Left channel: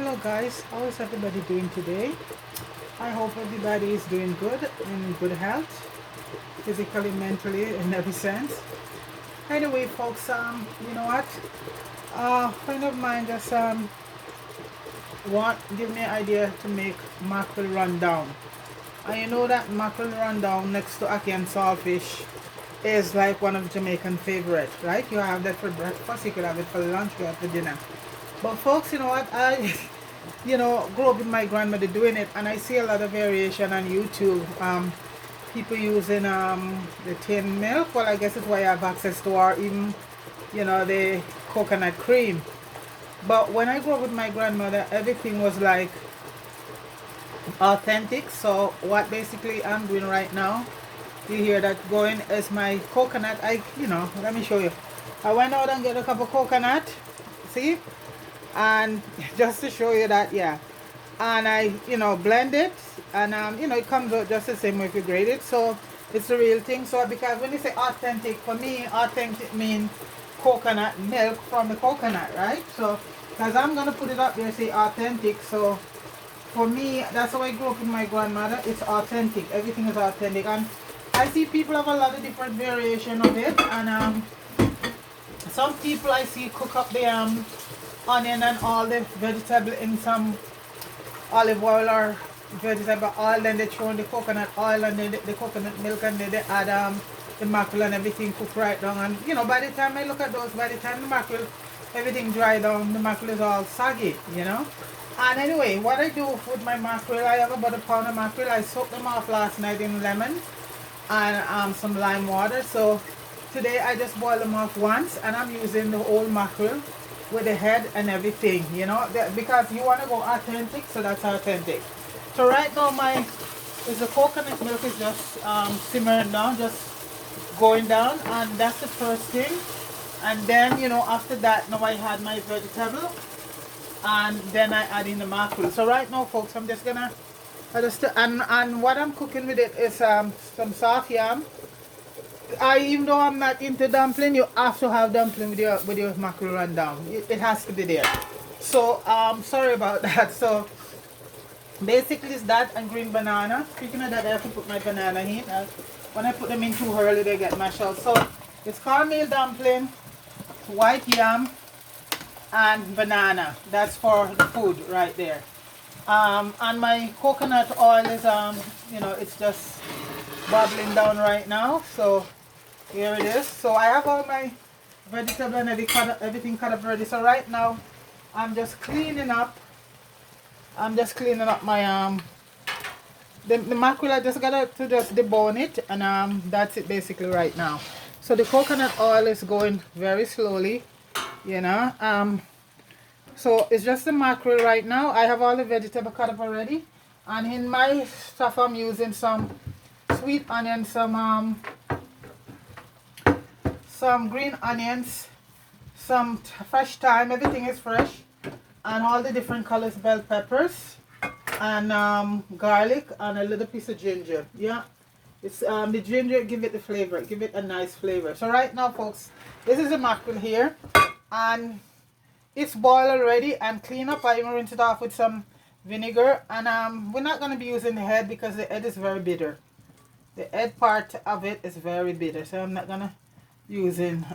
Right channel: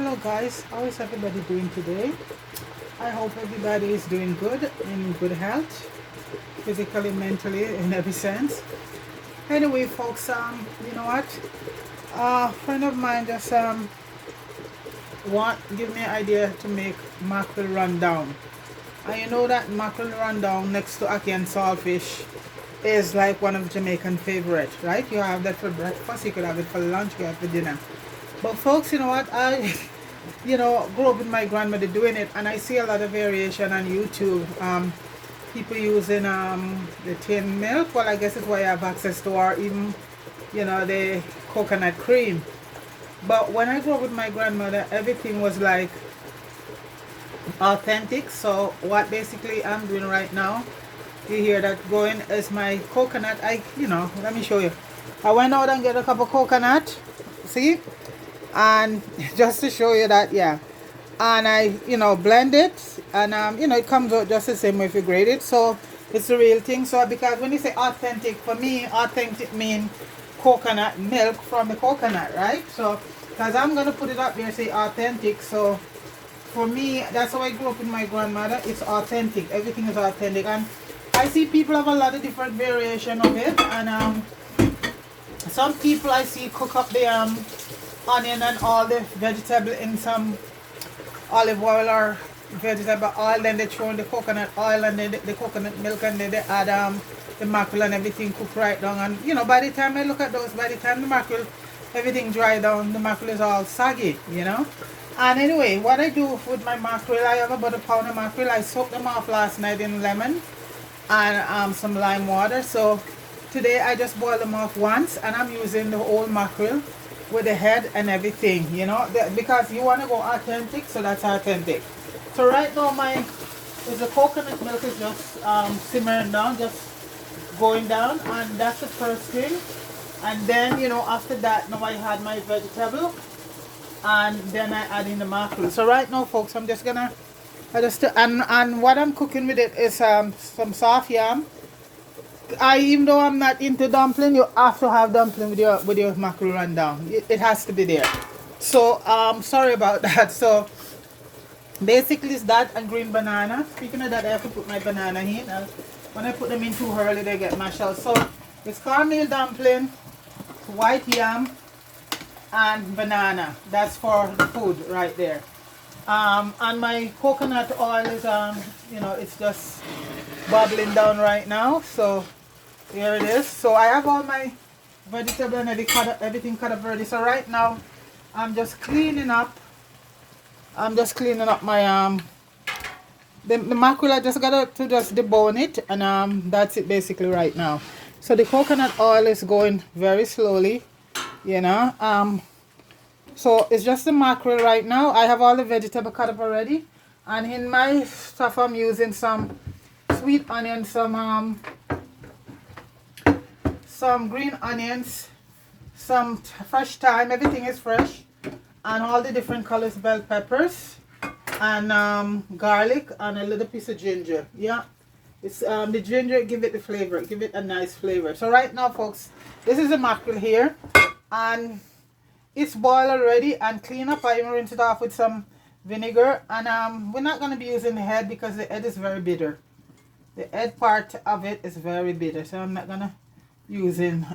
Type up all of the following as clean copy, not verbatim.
Hello guys, how is everybody doing today? I hope everybody is doing good, in good health, physically, mentally, in every sense. Anyway, folks, you know what? A friend of mine just give me an idea to make mackerel rundown. And you know that mackerel rundown next to ackee and saltfish is like one of Jamaican favorite, right? You have that for breakfast, you could have it for lunch, you have it for dinner. But folks, you know what? I grew up with my grandmother doing it, and I see a lot of variation on YouTube. People using the tin milk. Well, I guess it's why I have access to, or even, the coconut cream. But when I grew up with my grandmother, everything was like authentic. So what basically I'm doing right now, you hear that going, is my coconut. Let me show you. I went out and get a cup of coconut. See? And just to show you that, yeah, and I blend it, and it comes out just the same way if you grate it. So it's the real thing. So because when you say authentic, for me authentic means coconut milk from the coconut, right? So because I'm gonna put it up there, say authentic. So for me, that's how I grew up with my grandmother. It's authentic, everything is authentic. And I see people have a lot of different variation of it, and some people I see cook up the onion and all the vegetable in some olive oil or vegetable oil, then they throw in the coconut oil and then the coconut milk, and then they add the mackerel and everything cooked right down. And by the time I look at those, by the time the mackerel, everything dry down, the mackerel is all soggy, And anyway, what I do with my mackerel, I have about a pound of mackerel. I soaked them off last night in lemon and some lime water. So today I just boiled them off once, and I'm using the whole mackerel with the head and everything, because you want to go authentic, so that's authentic. So right now the coconut milk is just simmering down, just going down, and that's the first thing. And then after that, now I had my vegetable, and then I add in the mackerel. So right now, folks, I'm just gonna and what I'm cooking with it is some soft yam. Even though I'm not into dumpling, you have to have dumpling with your mackerel rundown. It has to be there. So sorry about that. So basically it's that and green banana. Speaking of that, I have to put my banana in. When I put them in too early, they get mashed out. So it's cornmeal dumpling, white yam, and banana. That's for the food right there. And my coconut oil is it's just bubbling down right now. So here it is. So I have all my vegetable and everything cut up ready. So right now I'm just cleaning up. My the mackerel. I just got to just debone it, and that's it basically right now. So the coconut oil is going very slowly, so it's just the mackerel right now. I have all the vegetable cut up already, and in my stuff I'm using some sweet onion, some green onions, some fresh thyme, everything is fresh, and all the different colors bell peppers, and garlic, and a little piece of ginger. Yeah, it's the ginger give it the flavor, give it a nice flavor. So right now, folks, this is the mackerel here, and it's boiled already and clean up. I even rinse it off with some vinegar, and we're not going to be using the head because the head is very bitter. The head part of it is very bitter, so I'm not gonna using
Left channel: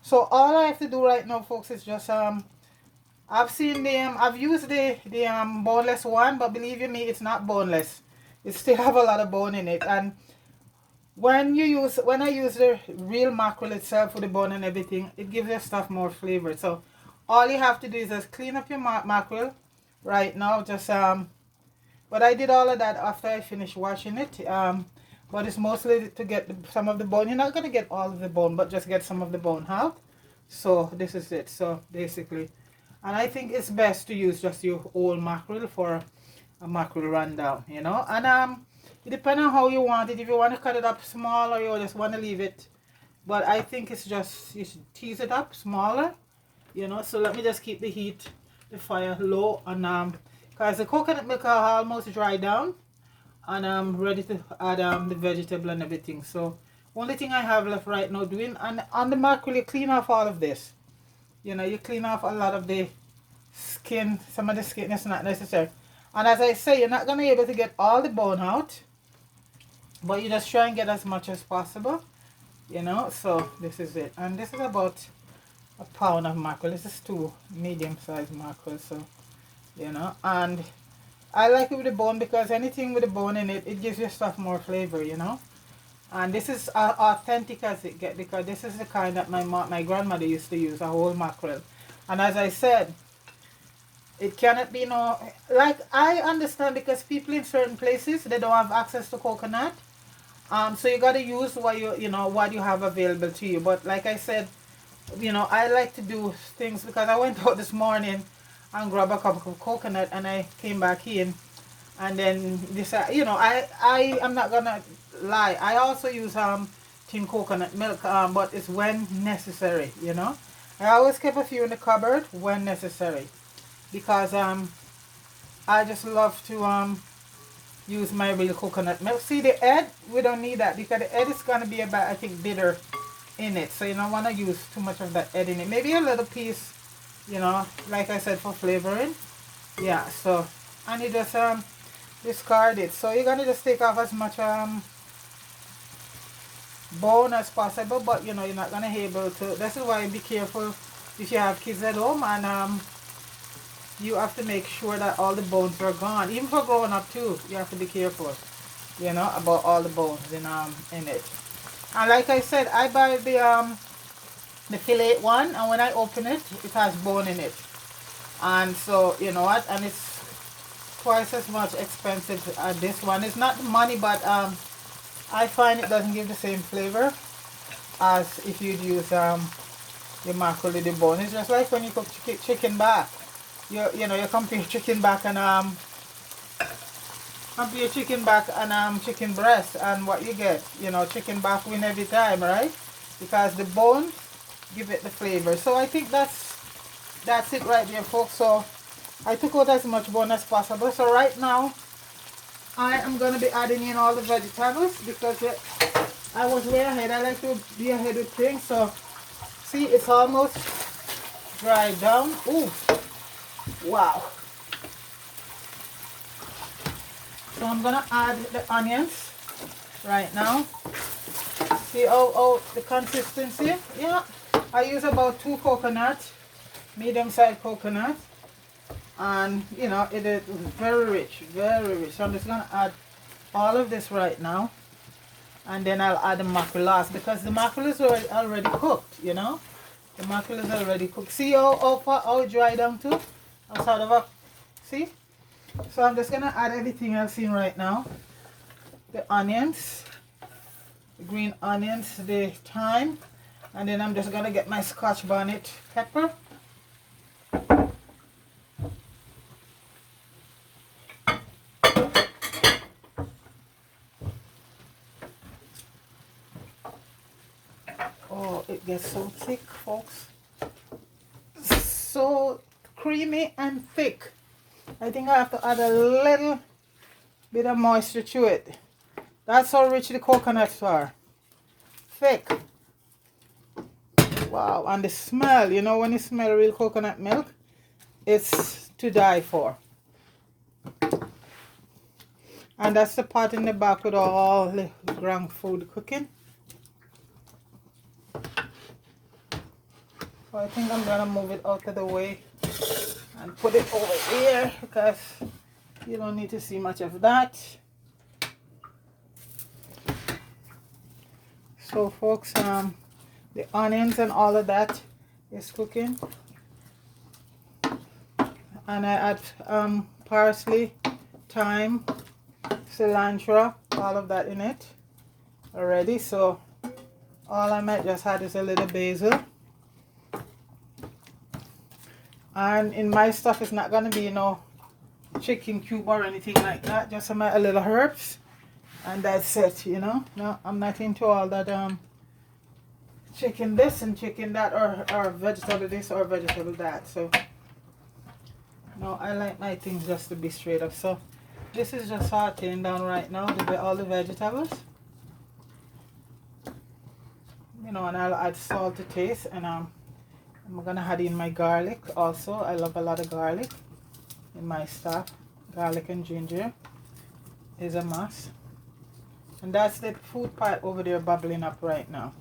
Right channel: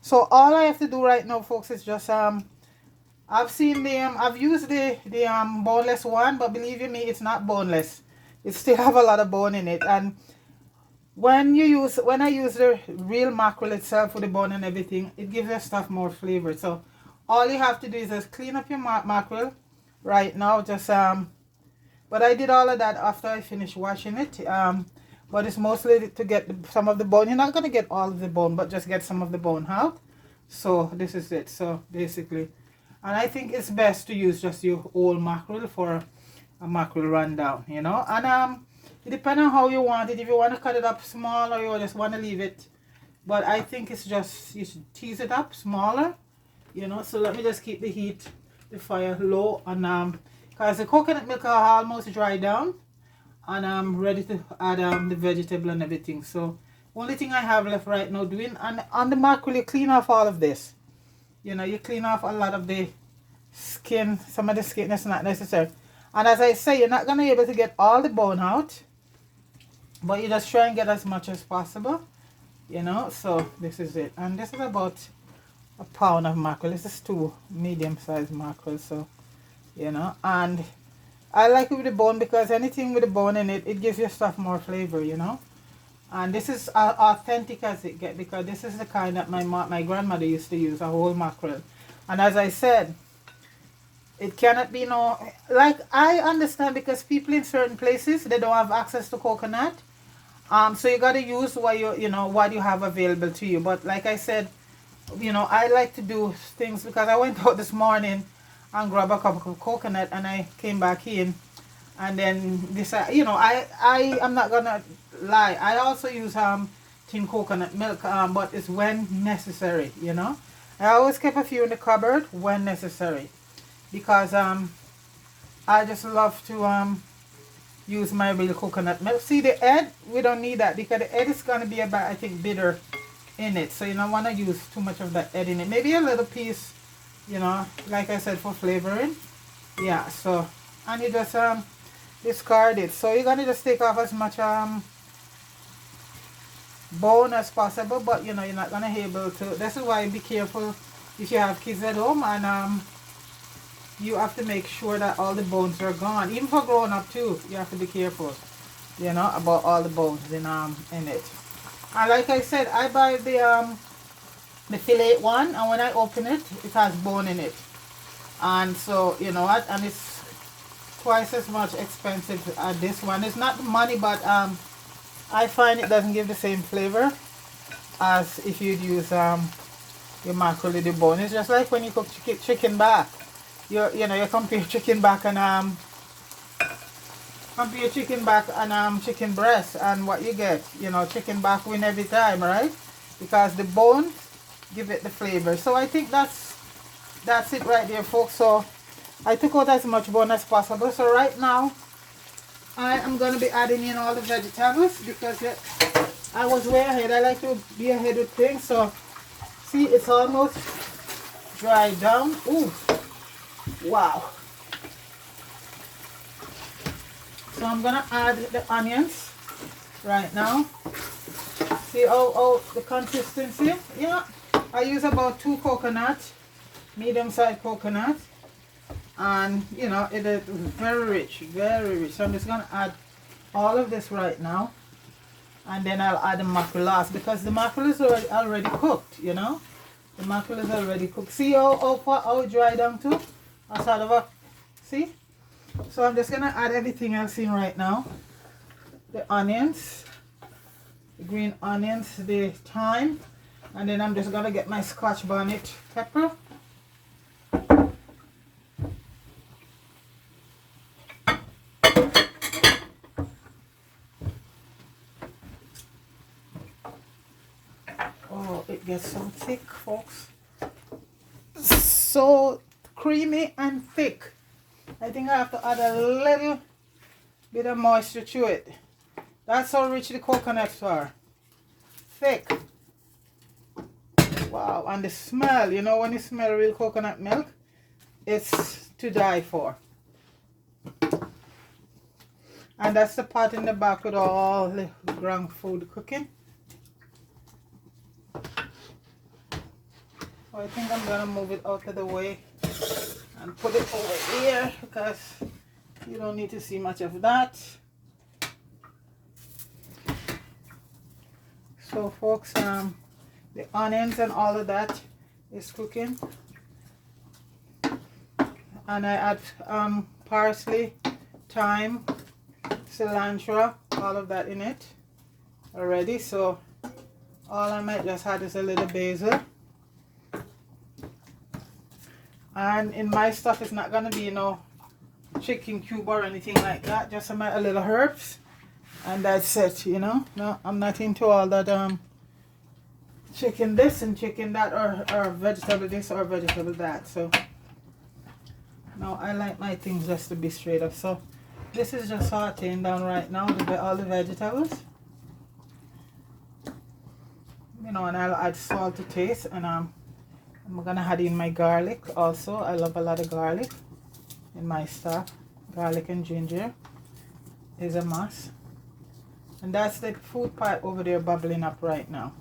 so all I have to do right now, folks, is just I've seen I've used the boneless one, but believe you me, it's not boneless. It still have a lot of bone in it. And when I use the real mackerel itself with the bone and everything, it gives the stuff more flavor. So all you have to do is just clean up your mackerel right now. Just but I did all of that after I finished washing it. But it's mostly to get some of the bone. You're not going to get all of the bone, but just get some of the bone out. So this is it. So basically, and I think it's best to use just your whole mackerel for a mackerel rundown, And it depends on how you want it. If you want to cut it up small, or you just want to leave it. But I think it's just, you should tease it up smaller, So let me just keep the fire low, and because the coconut milk are almost dry down. And I'm ready to add the vegetable and everything. So only thing I have left right now doing, and on the mackerel you clean off all of this. You clean off a lot of the skin, some of the skin is not necessary. And as I say, you're not going to be able to get all the bone out, but you just try and get as much as possible, you know. So this is it. And this is about a pound of mackerel. This is 2 medium-sized mackerel, so, you know. And I like it with the bone because anything with the bone in it, it gives your stuff more flavor, you know. And this is authentic as it gets, because this is the kind that my grandmother used to use, a whole mackerel. And as I said, it cannot be no, like, I understand because people in certain places, they don't have access to coconut. So you got to use what you know, what you have available to you. But like I said, you know, I like to do things because I went out this morning and grabbed a cup of coconut, and I came back in, and then this, you know, I am not gonna lie, I also use tin coconut milk, but it's when necessary, you know. I always keep a few in the cupboard when necessary, because I just love to use my real coconut milk. See, the egg, we don't need that because the egg is gonna be about, I think, bitter in it, so you don't want to use too much of that egg in it. Maybe a little piece, you know, like I said, for flavoring. Yeah, so, and you just discard it. So you're gonna just take off as much bone as possible, but you know, you're not gonna be able to. This is why be careful if you have kids at home, and you have to make sure that all the bones are gone. Even for grown up too, you have to be careful, you know, about all the bones in it. And like I said, I buy the fillet one, and when I open it, it has bone in it. And so, you know what, and it's twice as much expensive as this one. It's not money, but I find it doesn't give the same flavor as if you'd use your mackerel with the bone. It's just like when you cook chicken back. You know, you compare chicken back and chicken breast, and what you get, you know, chicken back win every time, right? Because the bone give it the flavor. So I think that's it right there, folks. So I took out as much bone as possible. So right now I am going to be adding in all the vegetables, because I was way ahead. I like to be ahead with things. So see, it's almost dried down. Ooh, wow. So I'm going to add the onions right now. See how the consistency? Yeah, I use about 2 coconuts, medium-sized coconut, and you know, it is very rich, very rich. So I'm just gonna add all of this right now, and then I'll add the mackerel last, because the mackerel is already cooked, you know. The mackerel is already cooked. See how dry down too? Sort of a, see? So I'm just gonna add everything else in right now. The onions, the green onions, the thyme, and then I'm just gonna get my Scotch bonnet pepper. Oh, it gets so thick, folks. So creamy and thick. I think I have to add a little bit of moisture to it. That's how rich the coconuts are. Thick. Wow, and the smell, you know, when you smell real coconut milk, it's to die for. And that's the pot in the back with all the ground food cooking. So I think I'm gonna move it out of the way and put it over here, because you don't need to see much of that. So folks, the onions and all of that is cooking, and I add parsley, thyme, cilantro, all of that in it already. So all I might just add is a little basil, and in my stuff it's not gonna be, you know, chicken cube or anything like that, just some a little herbs, and that's it, you know. No, I'm not into all that chicken this and chicken that, or vegetable this or vegetable that. So no, I like my things just to be straight up. So this is just sauteing down right now, all the vegetables, you know, and I'll add salt to taste, and I'm gonna add in my garlic also. I love a lot of garlic in my stuff. Garlic and ginger is a must. And that's the food pot over there bubbling up right now.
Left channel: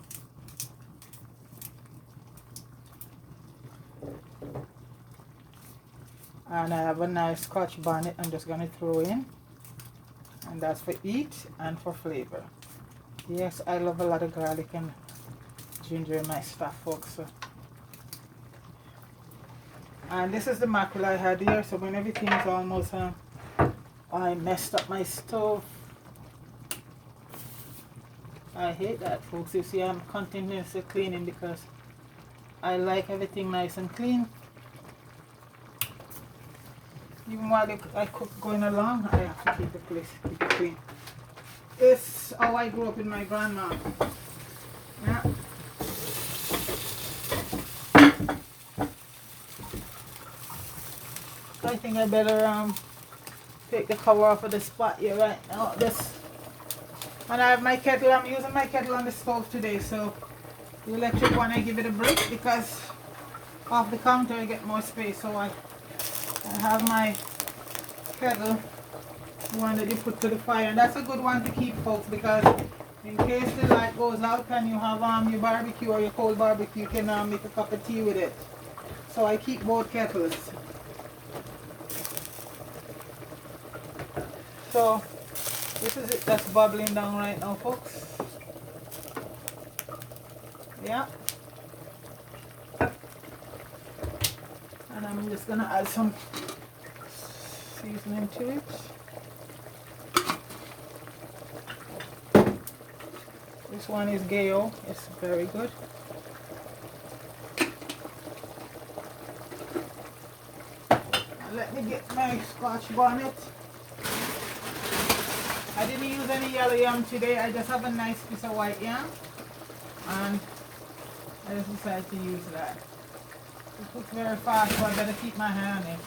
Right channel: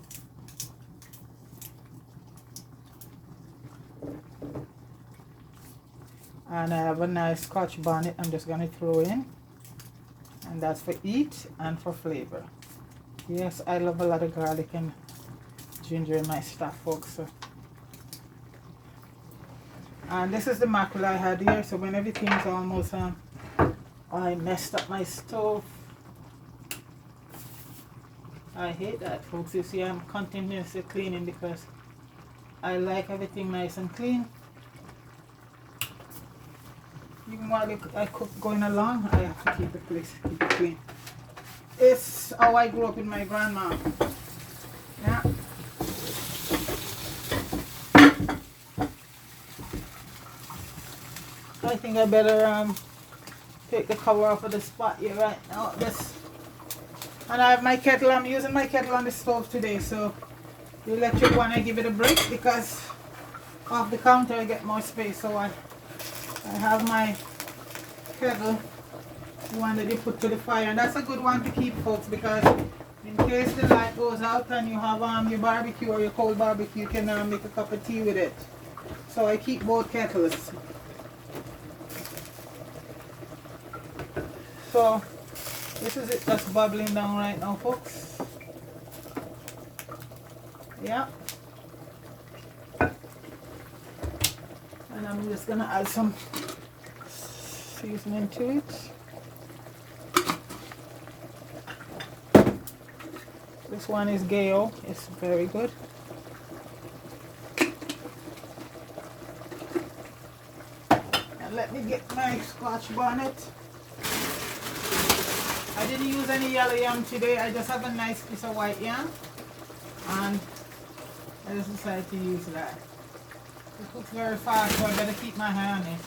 And I have a nice Scotch bonnet I'm just gonna throw in. And that's for eat and for flavor. Yes, I love a lot of garlic and ginger in my stuff, folks. So. And this is the mackerel I had here. So when everything is almost I messed up my stove. I hate that, folks. You see, I'm continuously cleaning because I like everything nice and clean. Even while I cook going along, I have to keep the place, keep it clean. It's how I grew up with my grandma. Yeah. I think I better take the cover off of the spot here right now. And I have my kettle. I'm using my kettle on the stove today, so the electric one I give it a break because off the counter I get more space. So I have my kettle, the one that you put to the fire, and that's a good one to keep, folks, because in case the light goes out and you have your barbecue or your cold barbecue, you can make a cup of tea with it. So I keep both kettles. So this is it that's bubbling down right now, folks. Yeah. And I'm just gonna add some seasoning to it. This one is Gale. It's very good. Now let me get my Scotch bonnet. I didn't use any yellow yam today. I just have a nice piece of white yam, and I just decided to use that. It cooks very fast, so I better keep my hand in.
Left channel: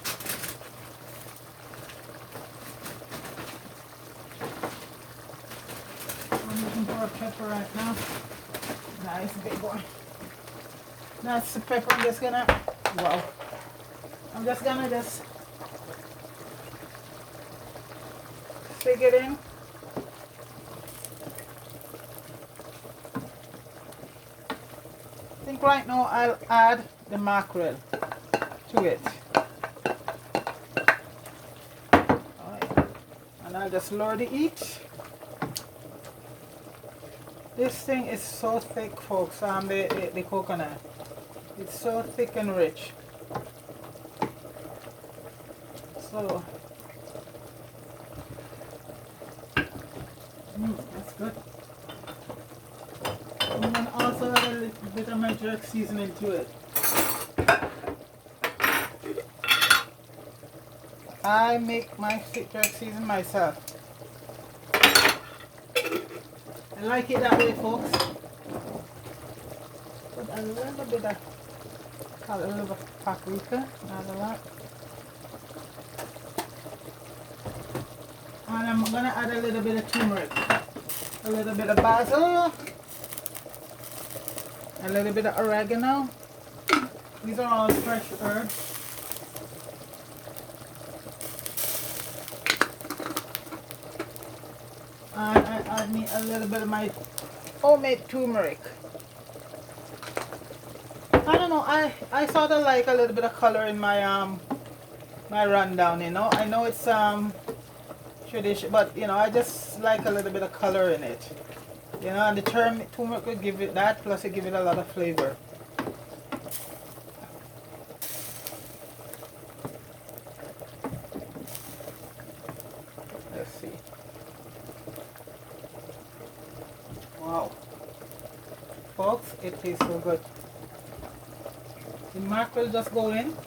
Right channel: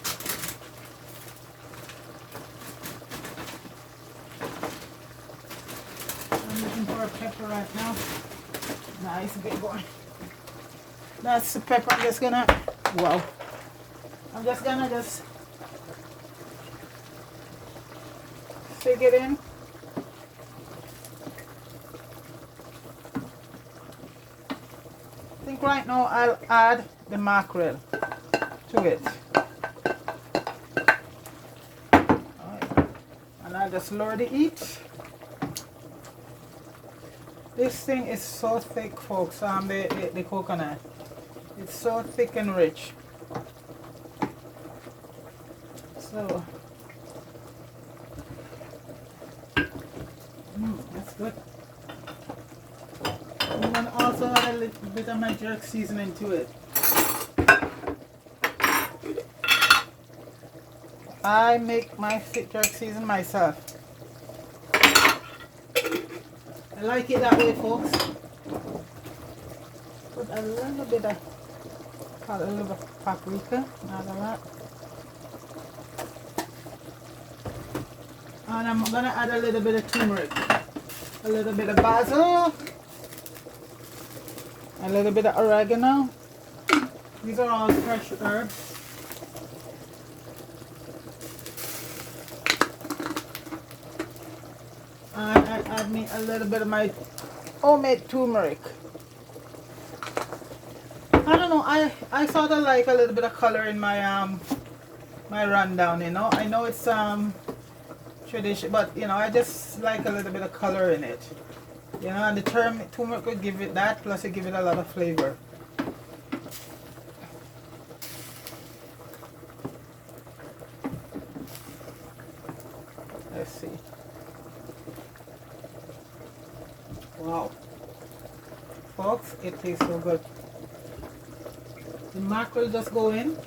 I'm looking for a pepper right now. Nice big one. That's the pepper. I'm just gonna stick it in. I think right now I'll add the mackerel to it. Right. And I'll just lower the heat. This thing is so thick, folks, the coconut. It's so thick and rich. So, that's good. I'm going to also add a little bit of my jerk seasoning to it. I make my jerk season myself. I like it that way, folks. Put a little bit of paprika, not a lot. And I'm gonna add a little bit of turmeric, a little bit of basil, a little bit of oregano. These are all fresh herbs. And I add me a little bit of my homemade turmeric. I don't know, I sort of like a little bit of color in my my rundown, you know. I know it's tradition, but you know, I just like a little bit of color in it. You know, and the turmeric would give it that, plus it give it a lot of flavor. Let's see. Wow. Folks, it tastes so good. The mackerel just go in.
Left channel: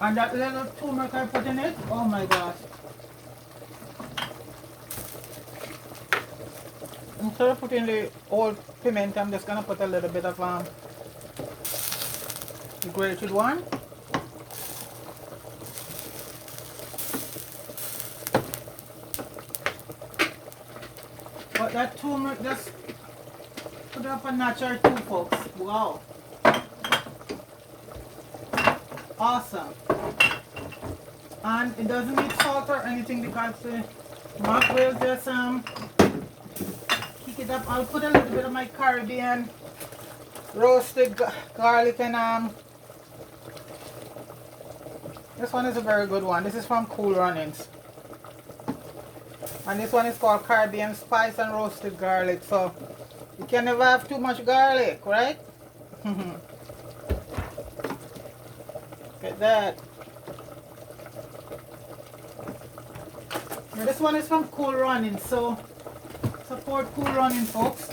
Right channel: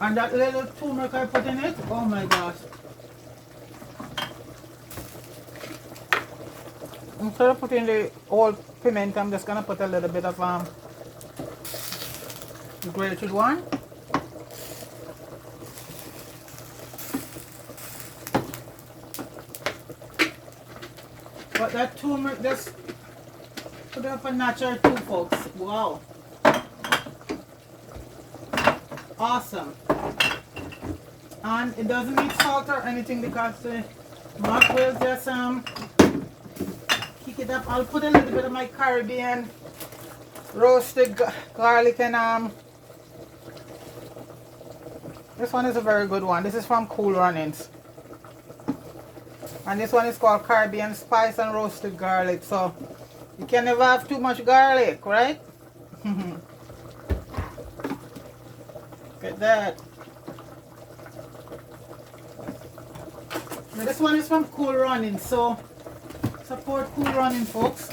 And that little turmeric I put in it, oh my gosh. Instead of putting the whole piment, I'm just gonna put a little bit of grated one. But that turmeric just put up a notch or two, folks. Wow. awesome. And it doesn't need salt or anything because the mackerel just kick it up. I'll put a little bit of my Caribbean roasted garlic and this one is a very good one. This is from Cool Runnings. And this one is called Caribbean Spice and Roasted Garlic. So you can never have too much garlic, right? Get that. Now this one is from Cool Runnings. So support Cool Runnings, folks.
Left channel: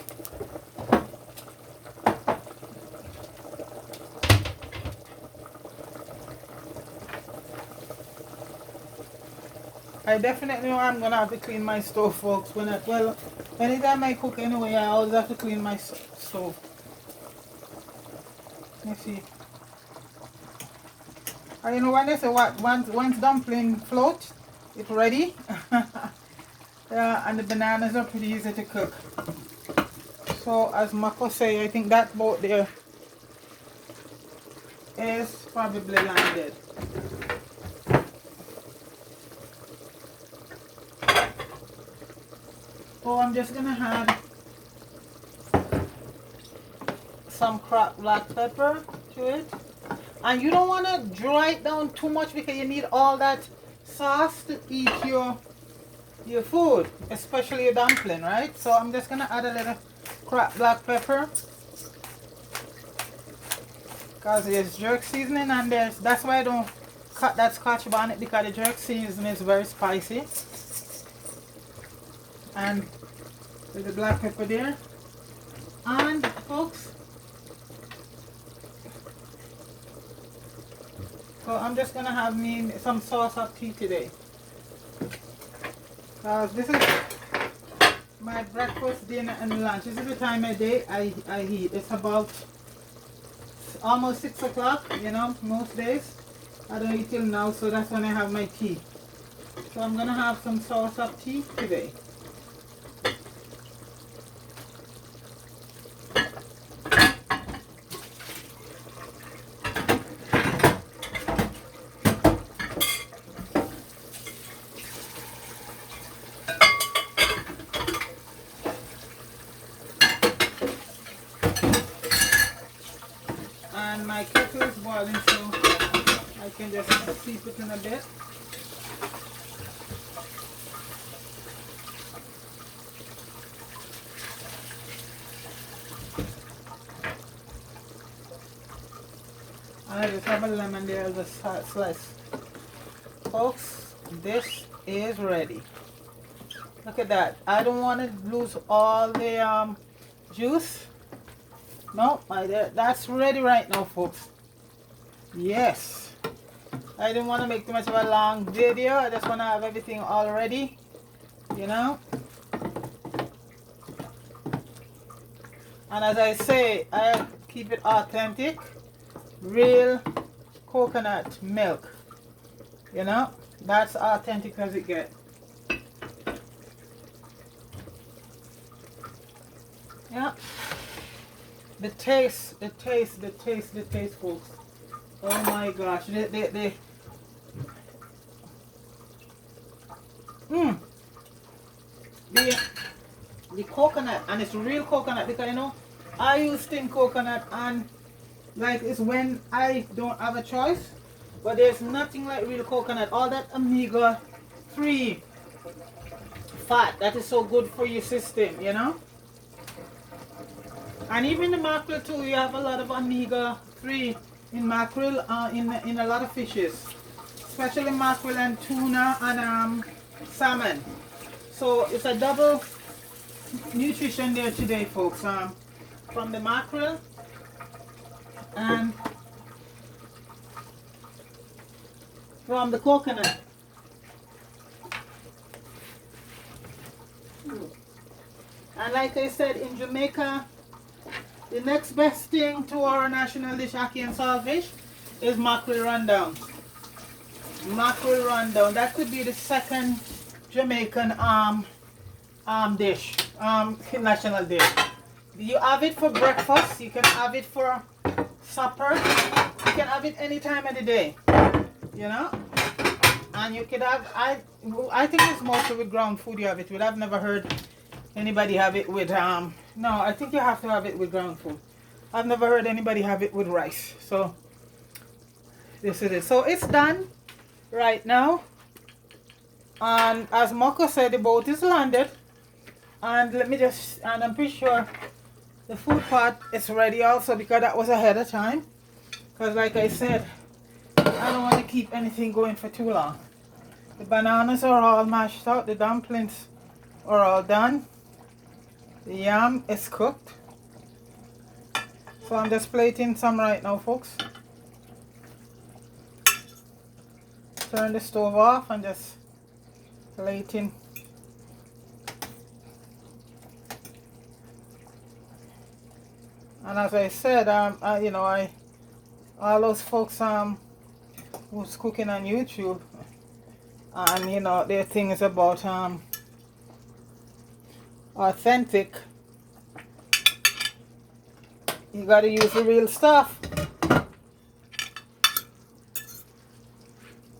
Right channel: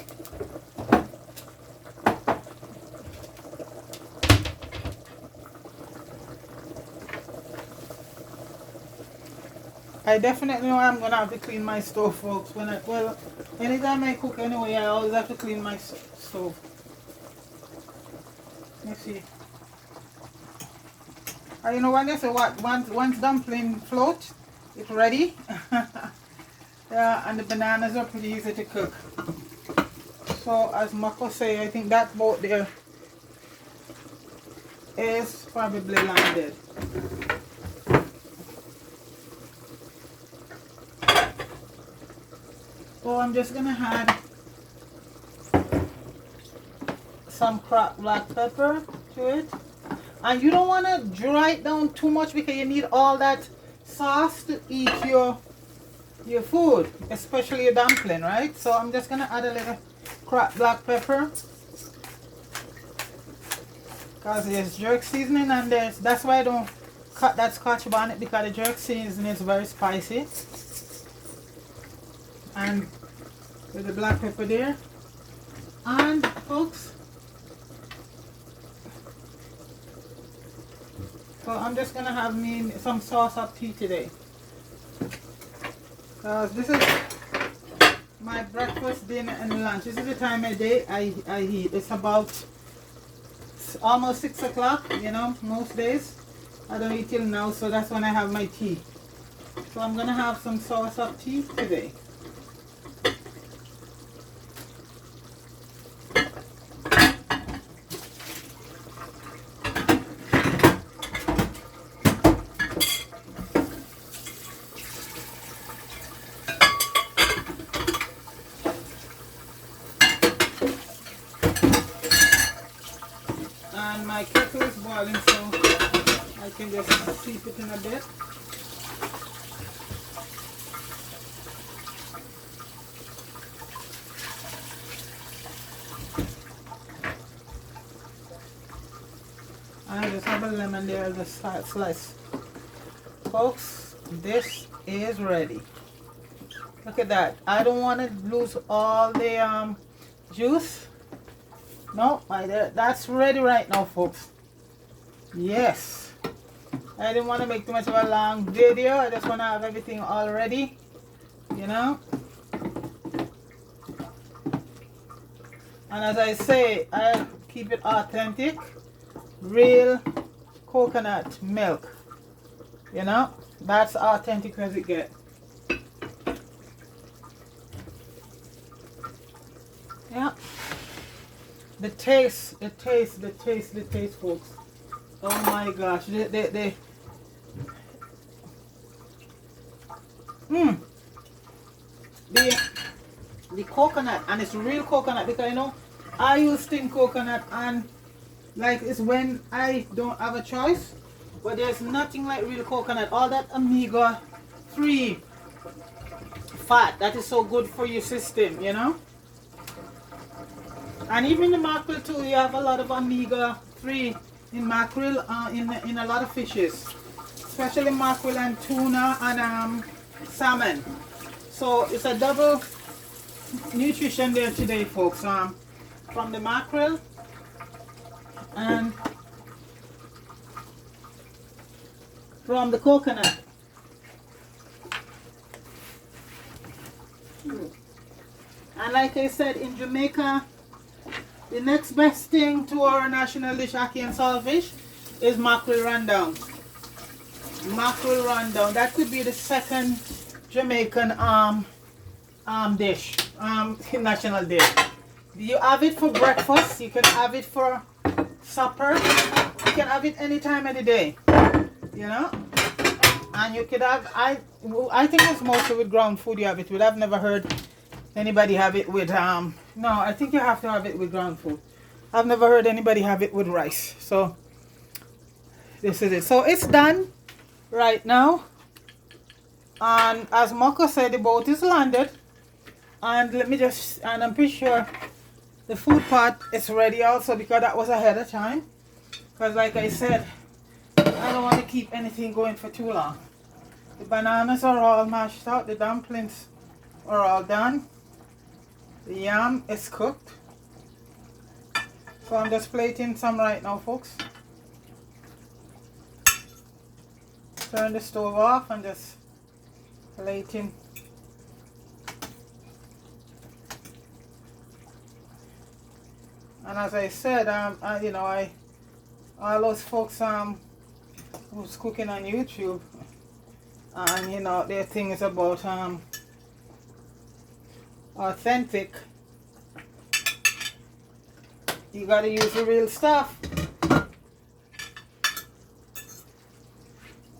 I definitely know I'm gonna have to clean my stove, folks. Well, anytime I cook anyway, I always have to clean my stove. Let's see. And you know when they say what once dumpling float, it's ready. Yeah, and the bananas are pretty easy to cook. So as Mako say, I think that boat there is probably landed. So I'm just gonna add some cracked black pepper to it. And you don't want to dry it down too much because you need all that sauce to eat your food, especially your dumpling, right? So I'm just gonna add a little cracked black pepper because there's jerk seasoning and that's why I don't cut that Scotch bonnet, because the jerk seasoning is very spicy. And with the black pepper there, and folks, so I'm just gonna have me some sauce up tea today. This is my breakfast, dinner, and lunch. This is the time of day I eat. It's about almost 6 o'clock. You know, most days I don't eat till now, so that's when I have my tea. So I'm gonna have some sauce up tea today. And my kettle is boiling, so I can just steep it in a bit. And I just have a lemon there as a slice. Folks, this is ready. Look at that. I don't want to lose all the juice. No, that's ready right now, folks. Yes. I didn't want to make too much of a long video. I just want to have everything all ready, you know. And as I say, I keep it authentic. Real coconut milk. You know, that's authentic as it gets. Yeah. The taste, folks. Oh my gosh. The coconut, and it's real coconut, because you know I use thin coconut, and like it's when I don't have a choice. But there's nothing like real coconut. All that omega-3 fat that is so good for your system, you know. And even the mackerel too, you have a lot of omega-3 in mackerel, in a lot of fishes, especially mackerel and tuna and salmon. So it's a double nutrition there today, folks. From the mackerel and from the coconut. And like I said, in Jamaica, the next best thing to our national dish, ackee and saltfish, is mackerel rundown. Mackerel rundown. That could be the second Jamaican dish, national dish. You have it for breakfast. You can have it for supper. You can have it any time of the day, you know. And you could have, I think it's mostly with ground food you have it with. I've never heard anybody have it with, no, I think you have to have it with ground food. I've never heard anybody have it with rice. So, this is it. So, it's done right now. And as Marco said, the boat is landed. And let me just, and I'm pretty sure the food pot is ready also because that was ahead of time. Because like I said, I don't want to keep anything going for too long. The bananas are all mashed out. The dumplings are all done. The yam is cooked. So I'm just plating some right now, folks. Turn the stove off and just plating. And as I said, you know, all those folks who's cooking on YouTube, and you know, their thing is about authentic. You gotta use the real stuff,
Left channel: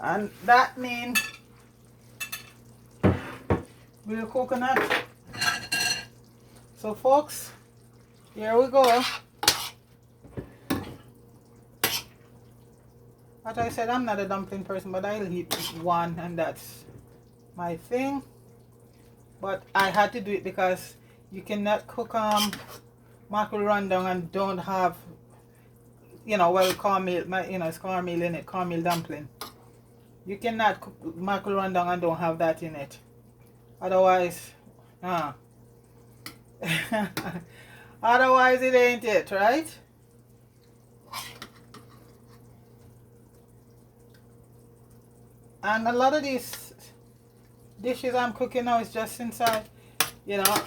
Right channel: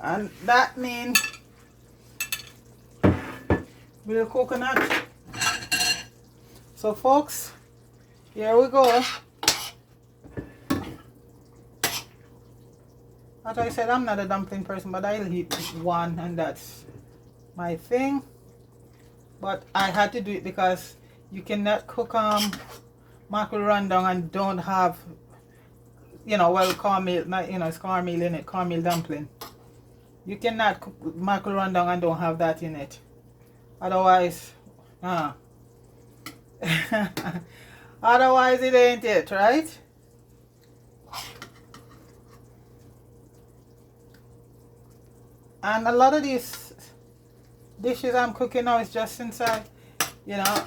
and that means real coconut. So folks, here we go. As I said, I'm not a dumpling person, but I'll eat one, and that's my thing. But I had to do it because you cannot cook mackerel rundown and don't have, you know, well, cornmeal, you know, it's cornmeal in it, cornmeal dumpling. You cannot cook mackerel rundown and don't have that in it. Otherwise, otherwise it ain't it, right? And a lot of these dishes I'm cooking now is just inside, you know,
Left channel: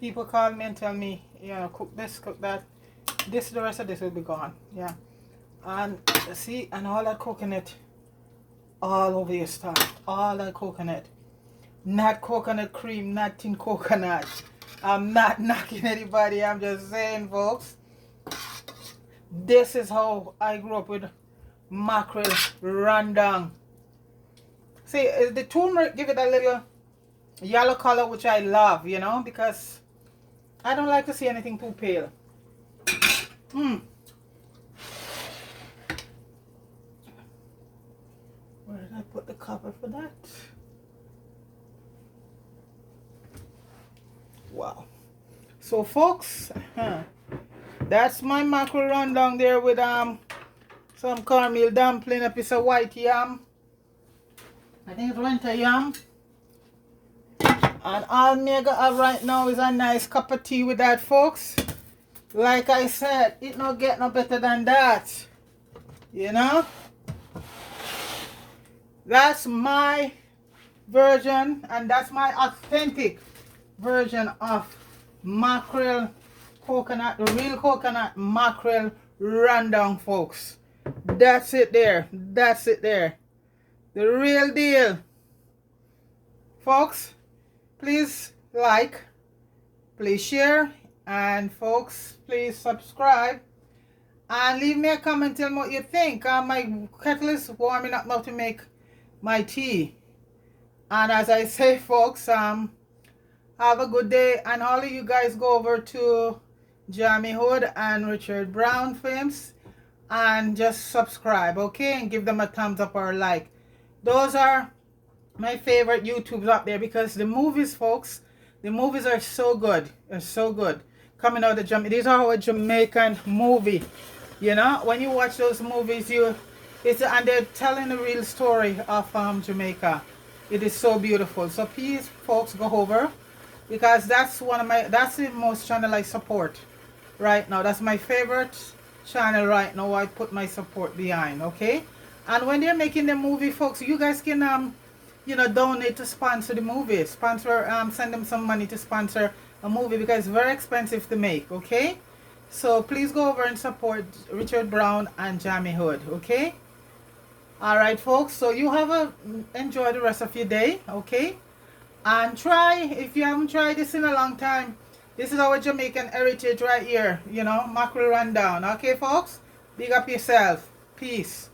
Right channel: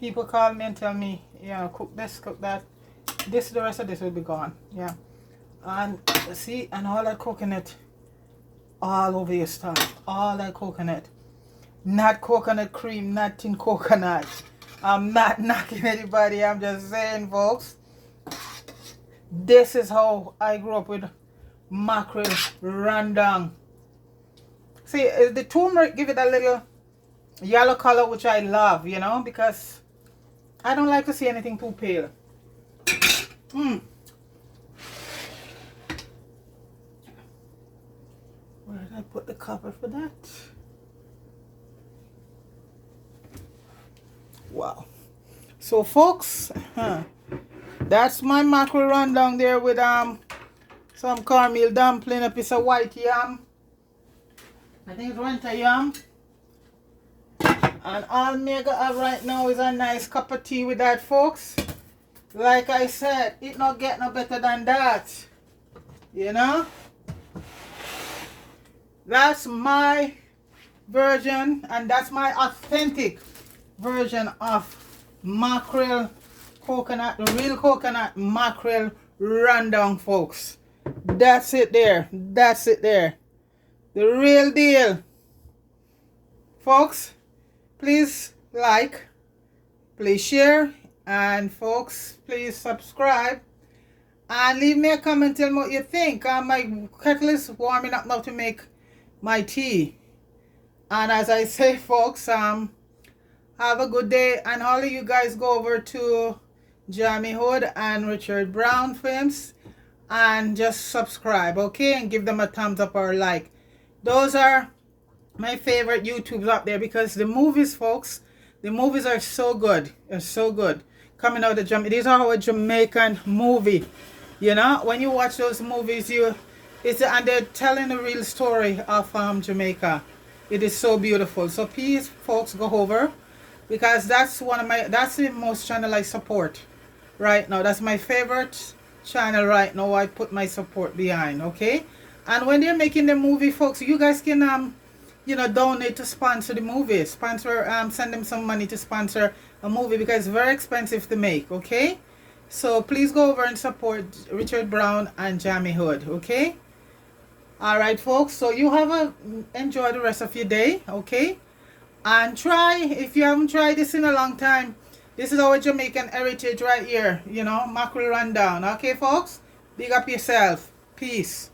people call me and tell me, you know, cook this, cook that. The rest of this will be gone, yeah. And see, and all that coconut all over your stuff, all that coconut. Not coconut cream, not in coconut. I'm not knocking anybody, I'm just saying, folks. This is how I grew up with mackerel rundown. See, the turmeric give it a little yellow color, which I love, you know, because I don't like to see anything too pale. Where did I put the cover for that? Wow. So folks, that's my mackerel rundown there with some cornmeal dumpling, a piece of white yam. I think it's winter yam. And all me have right now is a nice cup of tea with that, folks. Like I said, it not get no better than that. You know? That's my version, and that's my authentic version of mackerel coconut, the real coconut mackerel rundown, folks. That's it there. That's it there. The real deal. Folks, please like, please share, and folks, please subscribe. And leave me a comment, tell me what you think. My kettle is warming up now to make my tea. And as I say, folks, have a good day. And all of you guys go over to Jamie Hood and Richard Brown Films and just subscribe, okay? And give them a thumbs up or a like. Those are my favorite YouTubes up there because the movies, folks, the movies are so good. They're so good. Coming out of Jamaica. These are a Jamaican movie. You know, when you watch those movies, and they're telling a real story of Jamaica. It is so beautiful. So please, folks, go over because that's the most channel I support right now. That's my favorite channel right now. I put my support behind, okay? And when they're making the movie, folks, you guys can you know, donate to sponsor the movie. Send them some money to sponsor a movie because it's very expensive to make, okay? So please go over and support Richard Brown and Jamie Hood, okay? Alright, folks, so you enjoy the rest of your day, okay? And try, if you haven't tried this in a long time, This is our Jamaican heritage right here. You know, mackerel rundown. Okay, folks? Big up yourself. Peace.